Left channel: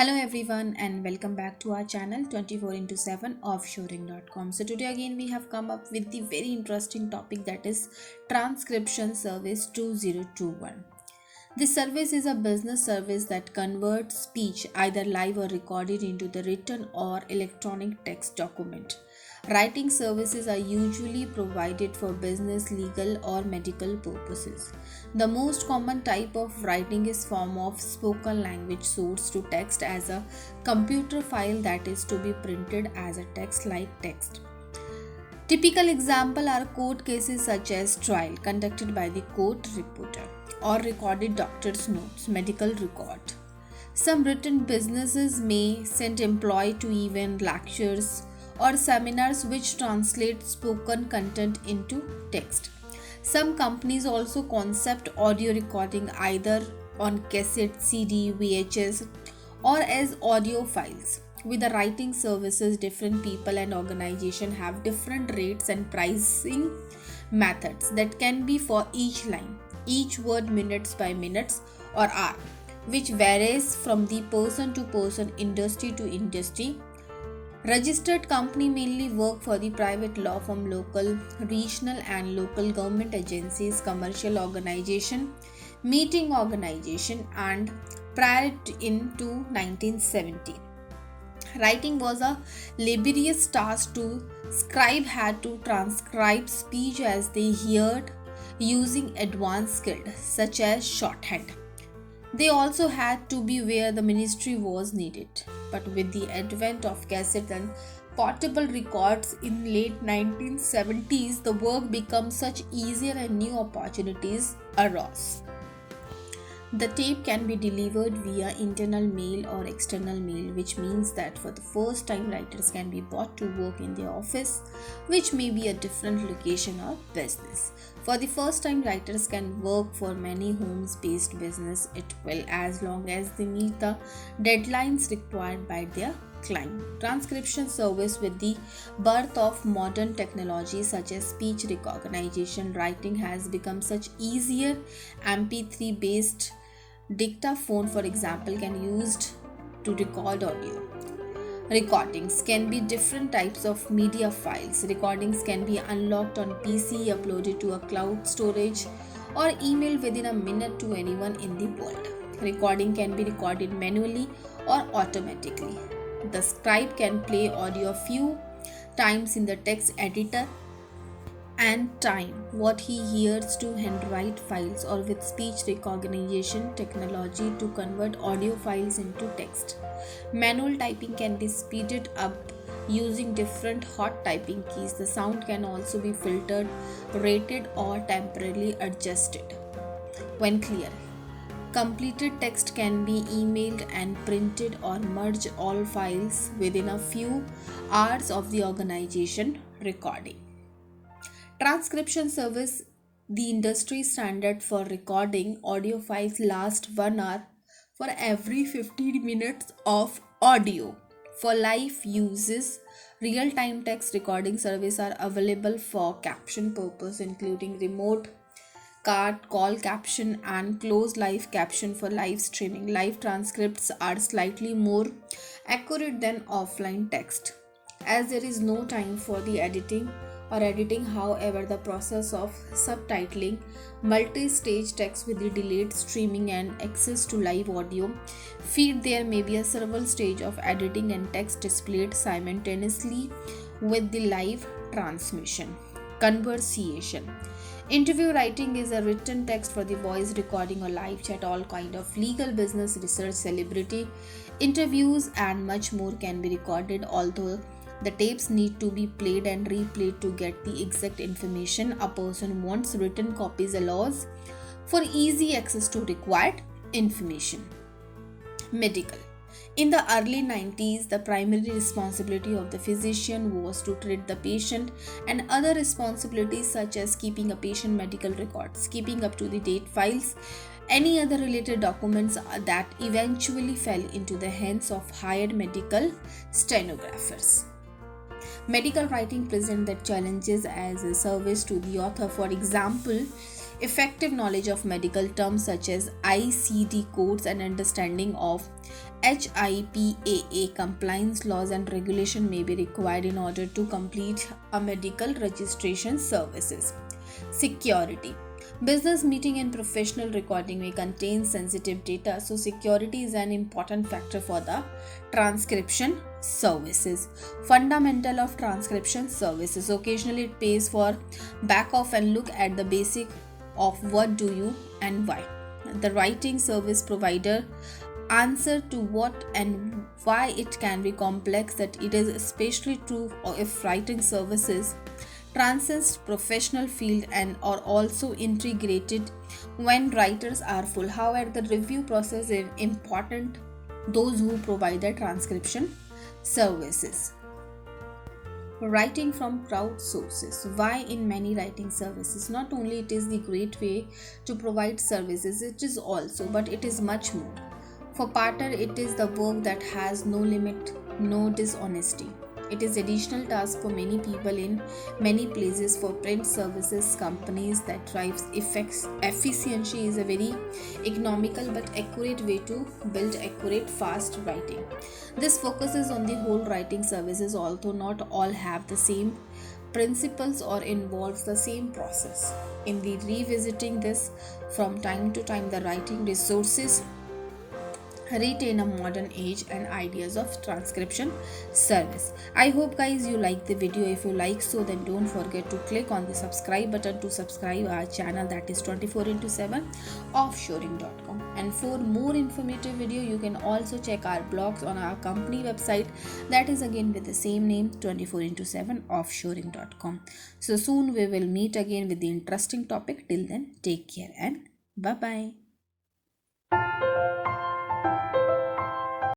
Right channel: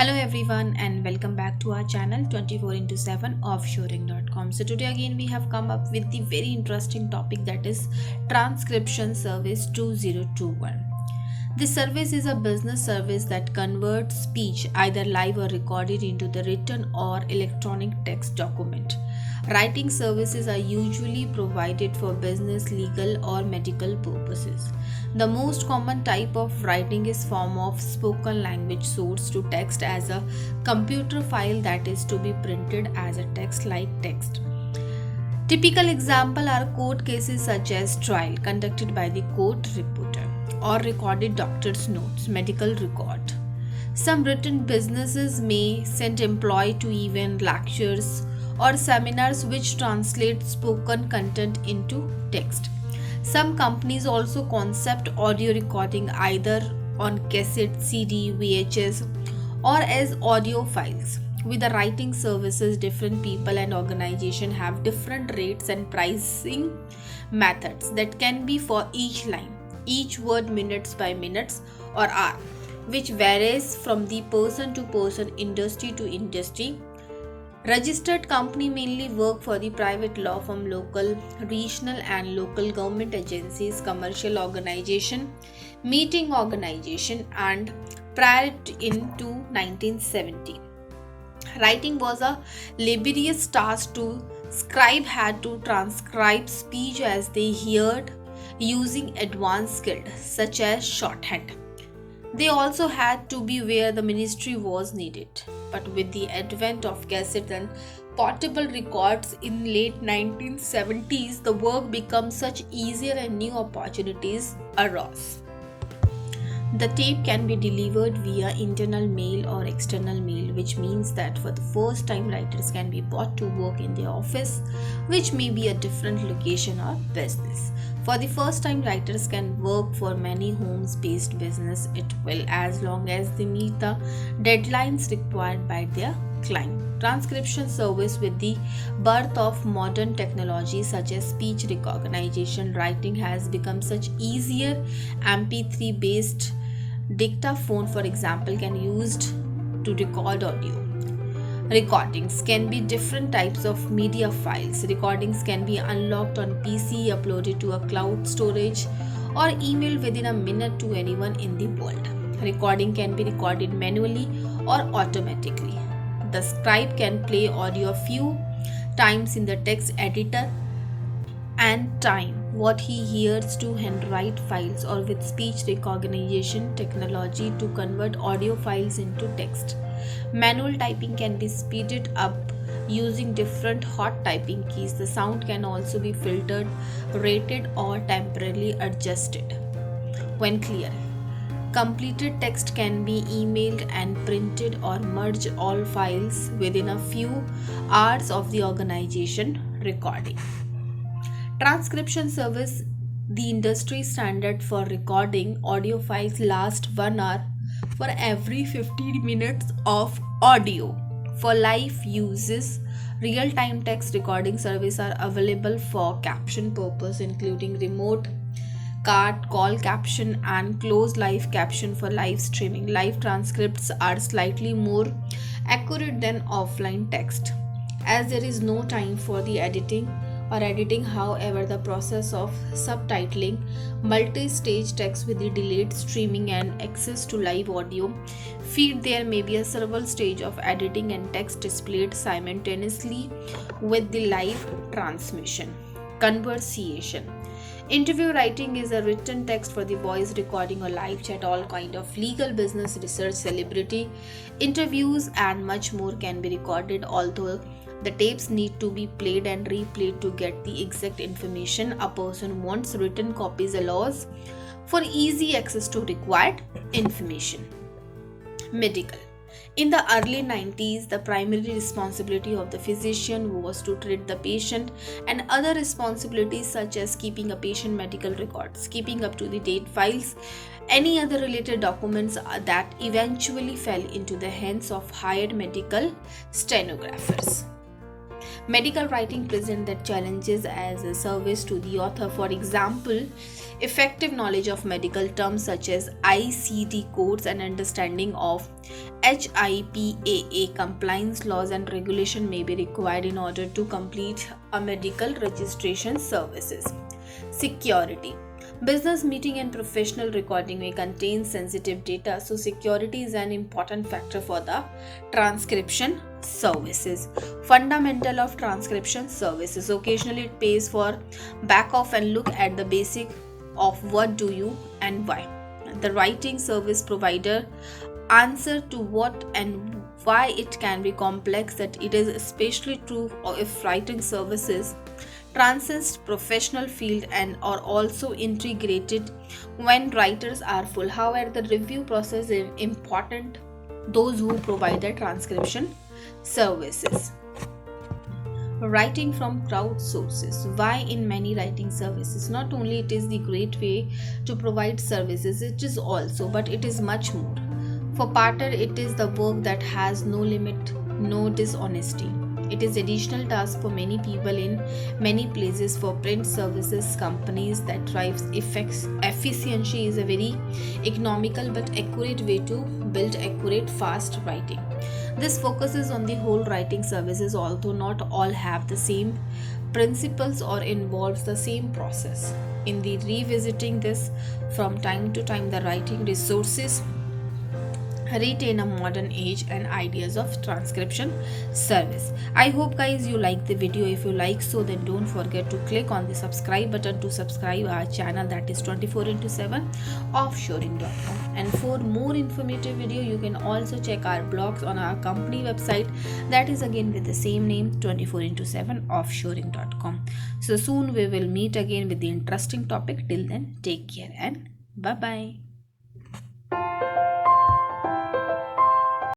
Hello everyone and welcome back to our channel 24 into 7 offshoring.com. So today again we have come up with the very interesting topic, that is transcription service 2021. This service is a business service that converts speech, either live or recorded, into the written or electronic text document. Writing services are usually provided for business, legal, or medical purposes. The most common type of writing is form of spoken language source to text as a computer file that is to be printed as a text like text. Typical example are court cases such as trial conducted by the court reporter or recorded doctor's notes, medical record. Some written businesses may send employee to event, lectures, or seminars which translate spoken content into text. Some companies also concept audio recording either on cassette, CD, VHS, or as audio files. With the writing services, different people and organizations have different rates and pricing methods that can be for each line, each word, minutes by minutes, or hour, which varies from the person to person, industry to industry. Registered company mainly work for the private law firm, local, regional and local government agencies, commercial organization, meeting organization, and prior into 1970. Writing was a laborious task to scribe had to transcribe speech as they heard using advanced skills such as shorthand. They also had to be where the ministry was needed. But with the advent of cassette and portable records in late 1970s, the work became such easier and new opportunities arose. The tape can be delivered via internal mail or external mail, which means that for the first time writers can be brought to work in their office, which may be a different location or business. For the first time writers can work for many homes based business it will, as long as they meet the deadlines required by their client. Transcription service with the birth of modern technology such as speech recognition, writing has become such easier. MP3 based dictaphone, for example, can used to record audio. Recordings can be different types of media files. Recordings can be unlocked on PC, uploaded to a cloud storage, or emailed within a minute to anyone in the world. Recording can be recorded manually or automatically. The scribe can play audio a few times in the text editor and time what he hears to handwrite files, or with speech recognition technology to convert audio files into text. Manual typing can be speeded up using different hot typing keys. The sound can also be filtered, rated, or temporarily adjusted when clear. Completed text can be emailed and printed or merge all files within a few hours of the organization recording. Transcription service, the industry standard for recording audio files, last 1 hour for every 15 minutes of audio. For live uses, real-time text recording service are available for caption purpose, including remote call caption and closed live caption for live streaming. Live transcripts are slightly more accurate than offline text, as there is no time for the editing. However, the process of subtitling multi-stage text with the delayed streaming and access to live audio feed, there may be a several stage of editing and text displayed simultaneously with the live transmission. Conversation. Interview writing is a written text for the voice recording or live chat. All kind of legal, business, research, celebrity interviews, and much more can be recorded, although the tapes need to be played and replayed to get the exact information a person wants. Written copies allows for easy access to required information. Medical. In the early 90s, the primary responsibility of the physician was to treat the patient, and other responsibilities such as keeping a patient medical records, keeping up to the date files, any other related documents that eventually fell into the hands of hired medical stenographers. Medical writing presents that challenges as a service to the author. For example, effective knowledge of medical terms such as ICD codes and understanding of HIPAA compliance laws and regulation may be required in order to complete a medical registration services. Security. Business meeting and professional recording may contain sensitive data, so security is an important factor for the transcription services. Fundamental of transcription services. Occasionally it pays for back off and look at the basic of what do you and why. The writing service provider answer to what and why it can be complex, that it is especially true if writing services transcends professional field and are also integrated when writers are full. However, the review process is important those who provide the transcription services. Writing from crowd sources. Why in many writing services? Not only it is the great way to provide services, it is also, but it is much more. For Parter, it is the work that has no limit, no dishonesty. It is additional task for many people in many places. For print services companies that drives effects, efficiency is a very economical but accurate way to build accurate fast writing. This focuses on the whole writing services, although not all have the same principles or involves the same process. In the revisiting this from time to time, the writing resources retain a modern age and ideas of transcription service. I hope guys you like the video. If you like so, then don't forget to click on the subscribe button to subscribe our channel, that is 24/7 offshoring.com. And for more informative video, you can also check our blogs on our company website, that is again with the same name, 24/7 offshoring.com. So soon we will meet again with the interesting topic. Till then, take care and bye bye.